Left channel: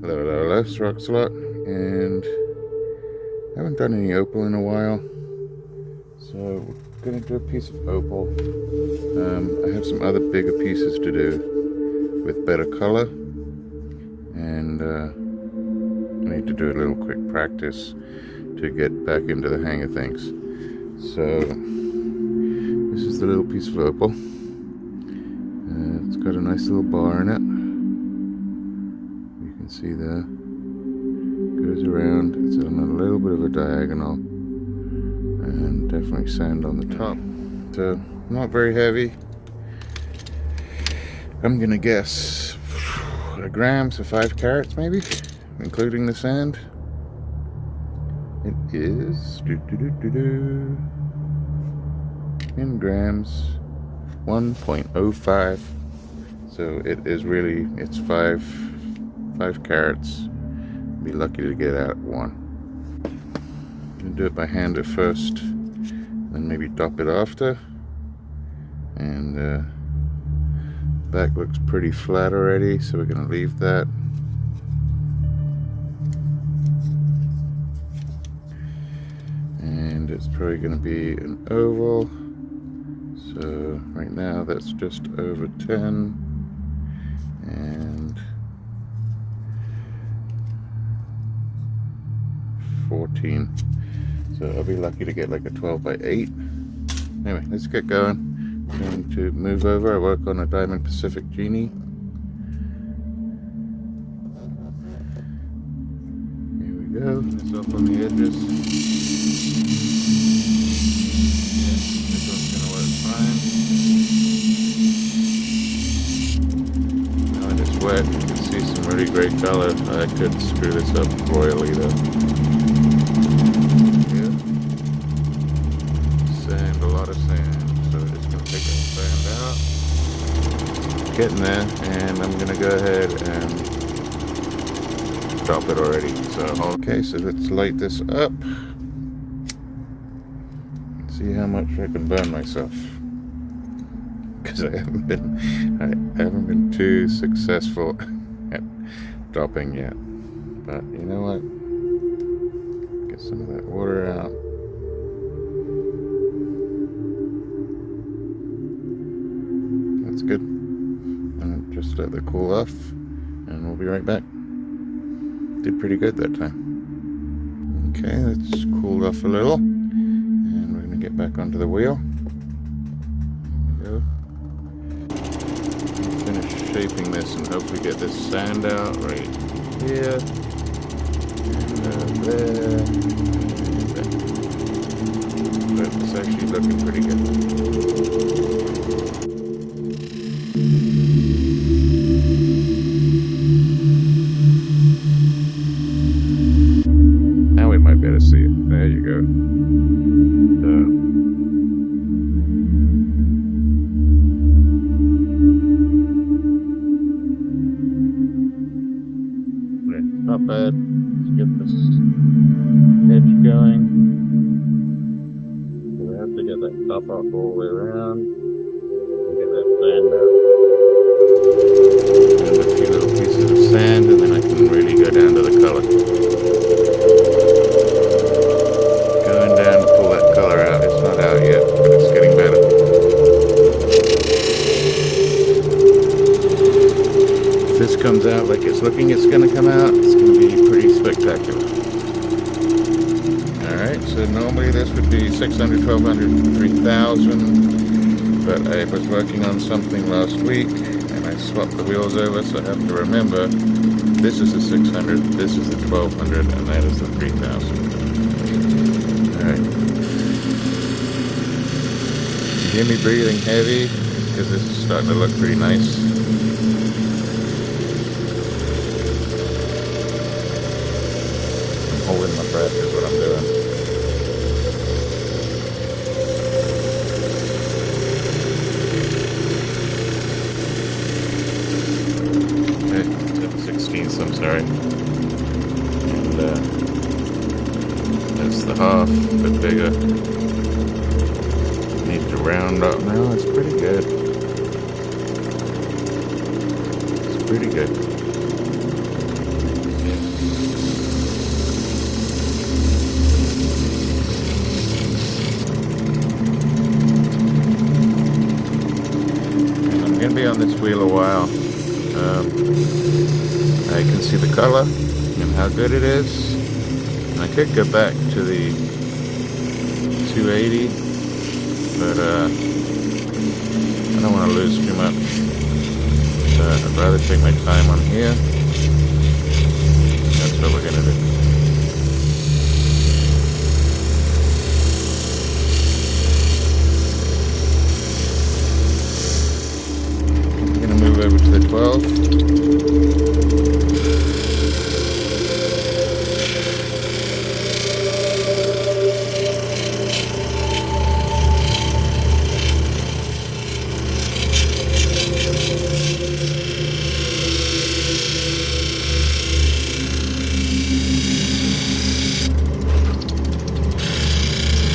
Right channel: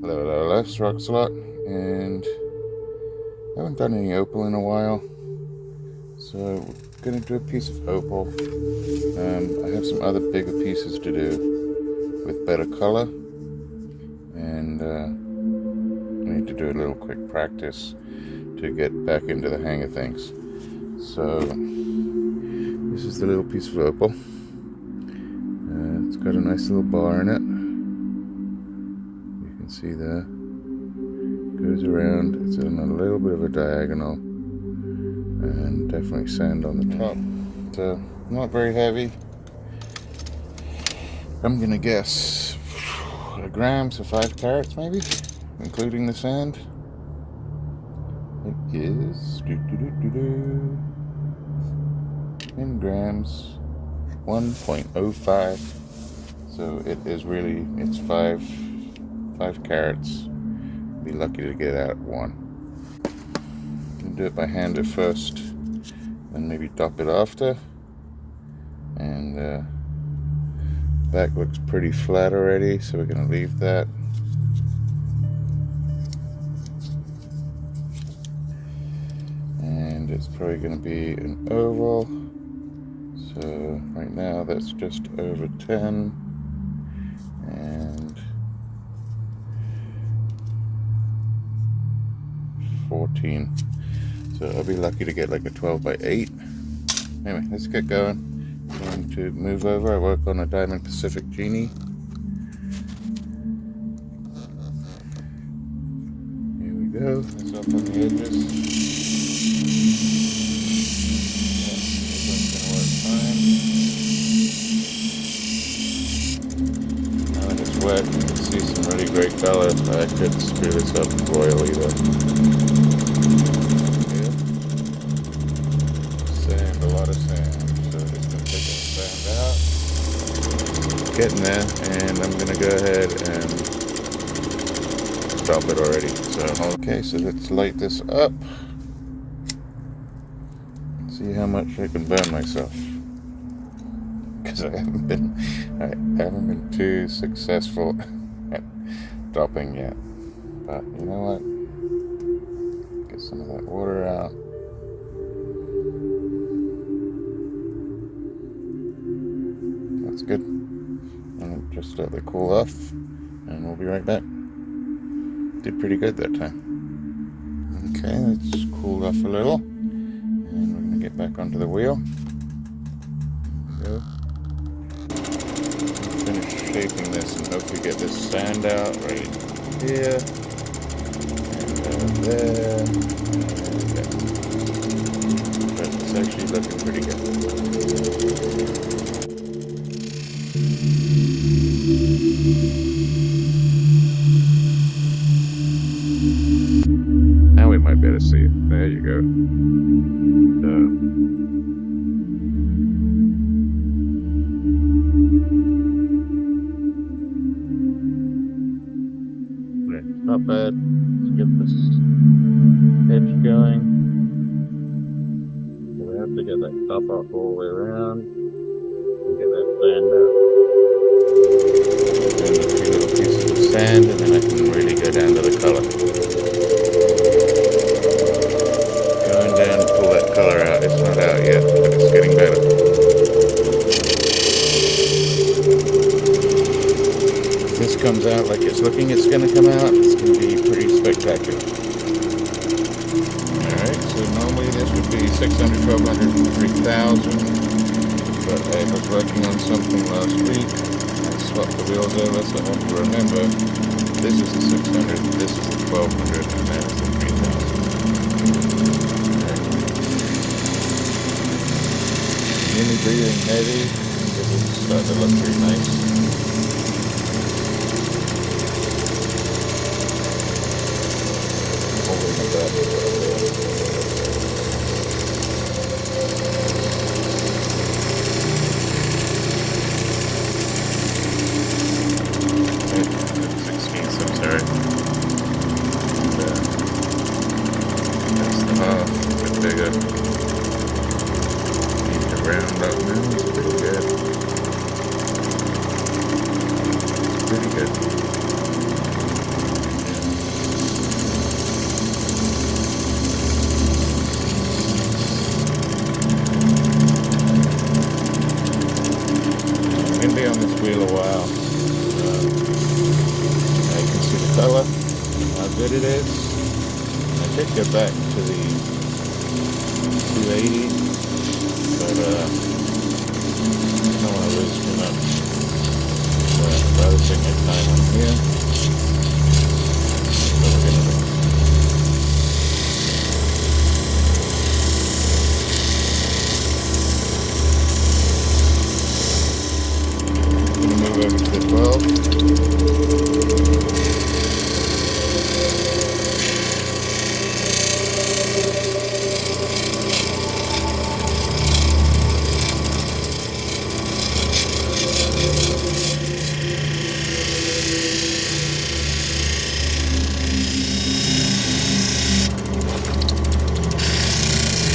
Hello, it's Roxalot, and I haven't done any opal in a while, so we're going to do a piece of opal. I have some other bigger pieces to do with better color, and I need to do a little quick practice to get back into the hang of things. So this is the little piece of opal. It's got a nice little bar in it. You can see there. Goes around. It's on a little bit of a diagonal, and definitely sand on the top. So not very heavy. I'm gonna guess a gram, so 5 carats maybe, including the sand. It is in grams, 1.05. So it is really, it's 5 carats. Be lucky to get out 1. I'm gonna do it by hand at first, then maybe dop it after. And back looks pretty flat already, so we're gonna leave that. And it's probably gonna be an oval. So right now that's just over 10. And 14. So I'll be lucky to get like a 12 by 8. Anyway, let's get going. I'm going to move over. I work on a Diamond Pacific Genie. Here we go. This up on the edges. This one's going to work fine. Now that it's wet, you can see some really great color. I could screw this up royally though. Sand, a lot of sand, so just gonna take the sand out. Getting there, and I'm gonna go ahead and drop it already. So okay, so let's light this up. See how much I can burn myself, because I haven't been too successful at dropping yet. But you know what? Get some of that water out. That's good. And just let it cool off, and we'll be right back. Did pretty good that time. Okay, it's cooled off a little, and we're going to get back onto the wheel. There we go. Finish shaping this and hopefully get this sand out right here, and there, and there. But it's actually looking pretty good. Now we might better see it. There you go. Not bad. Let's get this edge going. So we have to get that top off all the way around and get that sand out. And a few little pieces of sand, and then I can really go down to the color. Going down to pull that color out. It's not out yet, but it's getting better. If this comes out like it's looking it's going to come out, it's going to be pretty spectacular. Alright, so normally this would be 600, 1200, 3000, but I was working on something last week and I swapped the wheels over, so I have to remember this is a 600, this is a 1200, and that is a 3000. Alright. You hear me breathing heavy because this is starting to look pretty nice. Holding my breath is what I'm doing. Okay, 16, I'm sorry. And, that's the half, a bit bigger. Need to round up now, it's pretty good. It's pretty good. wheel a while. I can see the color and how good it is. I could go back to the 280, but I don't want to lose too much. So I'd rather take my time on here. That's what we're gonna do. Move over to the 12.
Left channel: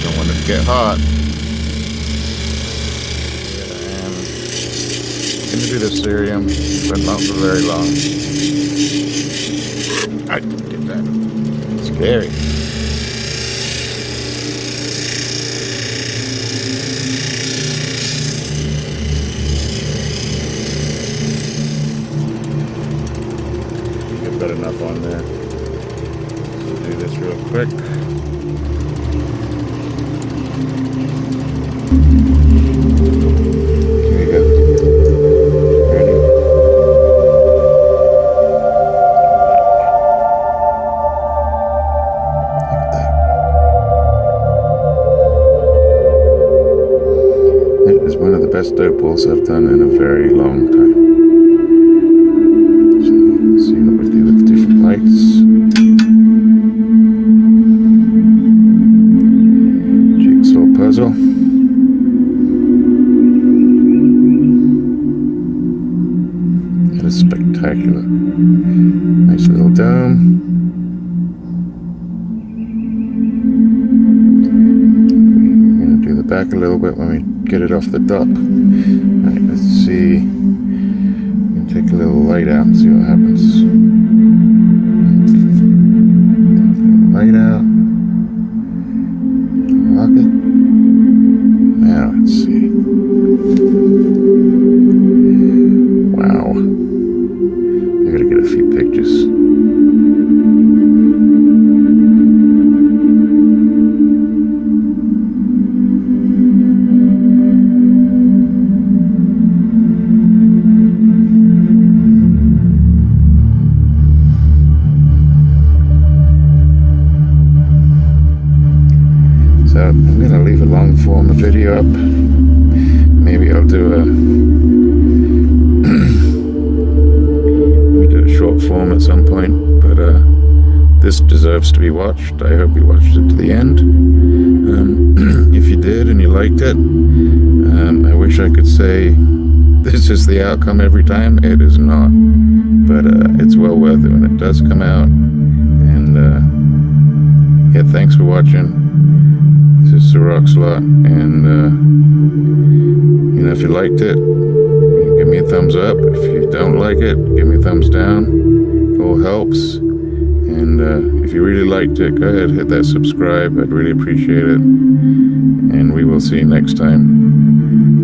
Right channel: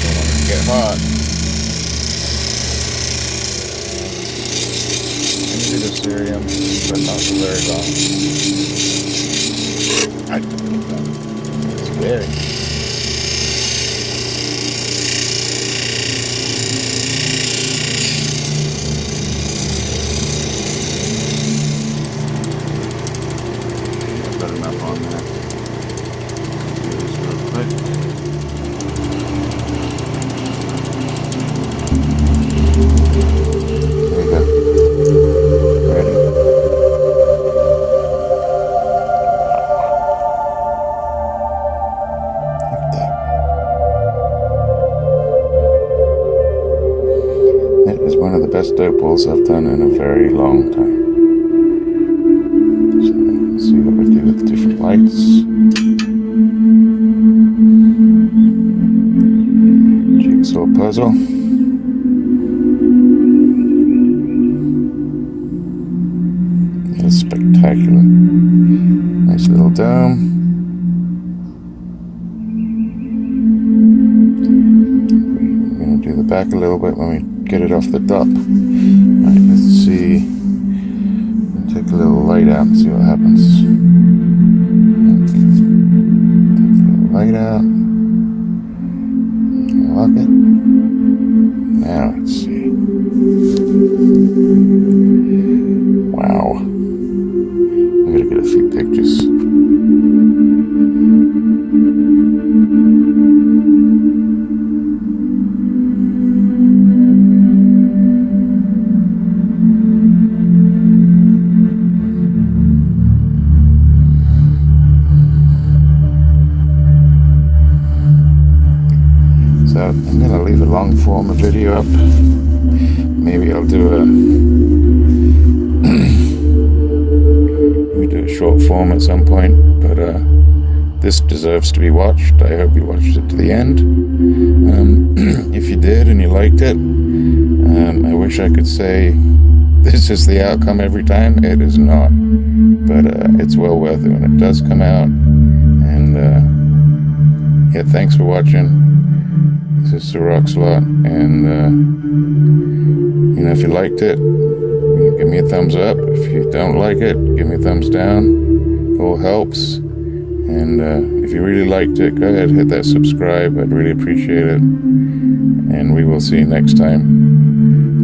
Don't want it to get hot. Into the cerium, but not for very long. I didn't get that. It's scary. I've got enough on there. Do this real quick. Here we go. It is one of the best opals I've done in a very long time. So let's see what we do with different lights. Jigsaw puzzle. That is spectacular. Nice little dome. Do the back a little bit when we get it off the top. Alright, let's see. Take a little light out and see what happens. Take a little light out. Lock it. Now let's see. Wow. I gotta get a few pictures. So I'm going to leave a long form video up. Maybe I'll do a short form at some point, but this deserves to be watched. I hope you watched it to the end. If you did and you liked it, I wish I could say this is the outcome every time. It is not, but it's well worth it when it does come out. And yeah, thanks for watching. This is Sir Rockslot, and you know, if you liked it, you give me a thumbs up. If you don't like it, give me a thumbs down. It all helps. And if you really liked it, go ahead, hit that subscribe. I'd really appreciate it. And we will see you next time.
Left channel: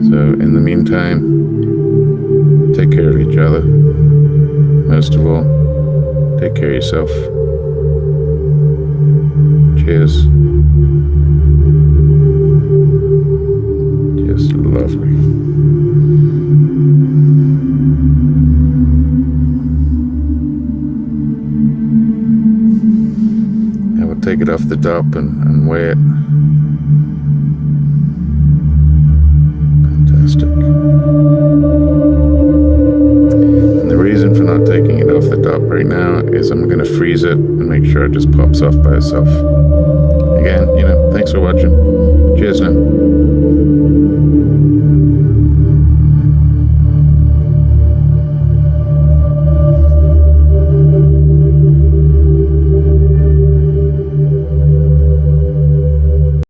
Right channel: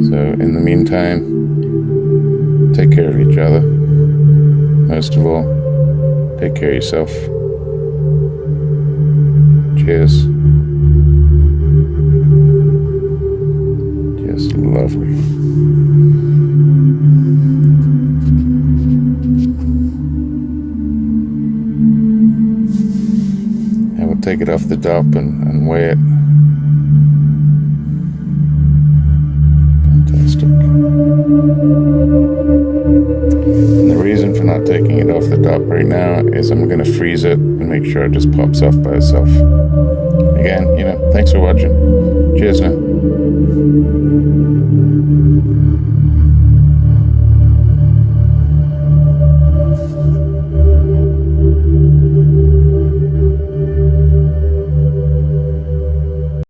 So in the meantime, take care of each other. Most of all, take care of yourself. Cheers. Just lovely. I will take it off the top and weigh it. Fantastic. And the reason for not taking it off the top right now is I'm going to freeze it and make sure it just pops off by itself. Again, you know, thanks for watching. Cheers now.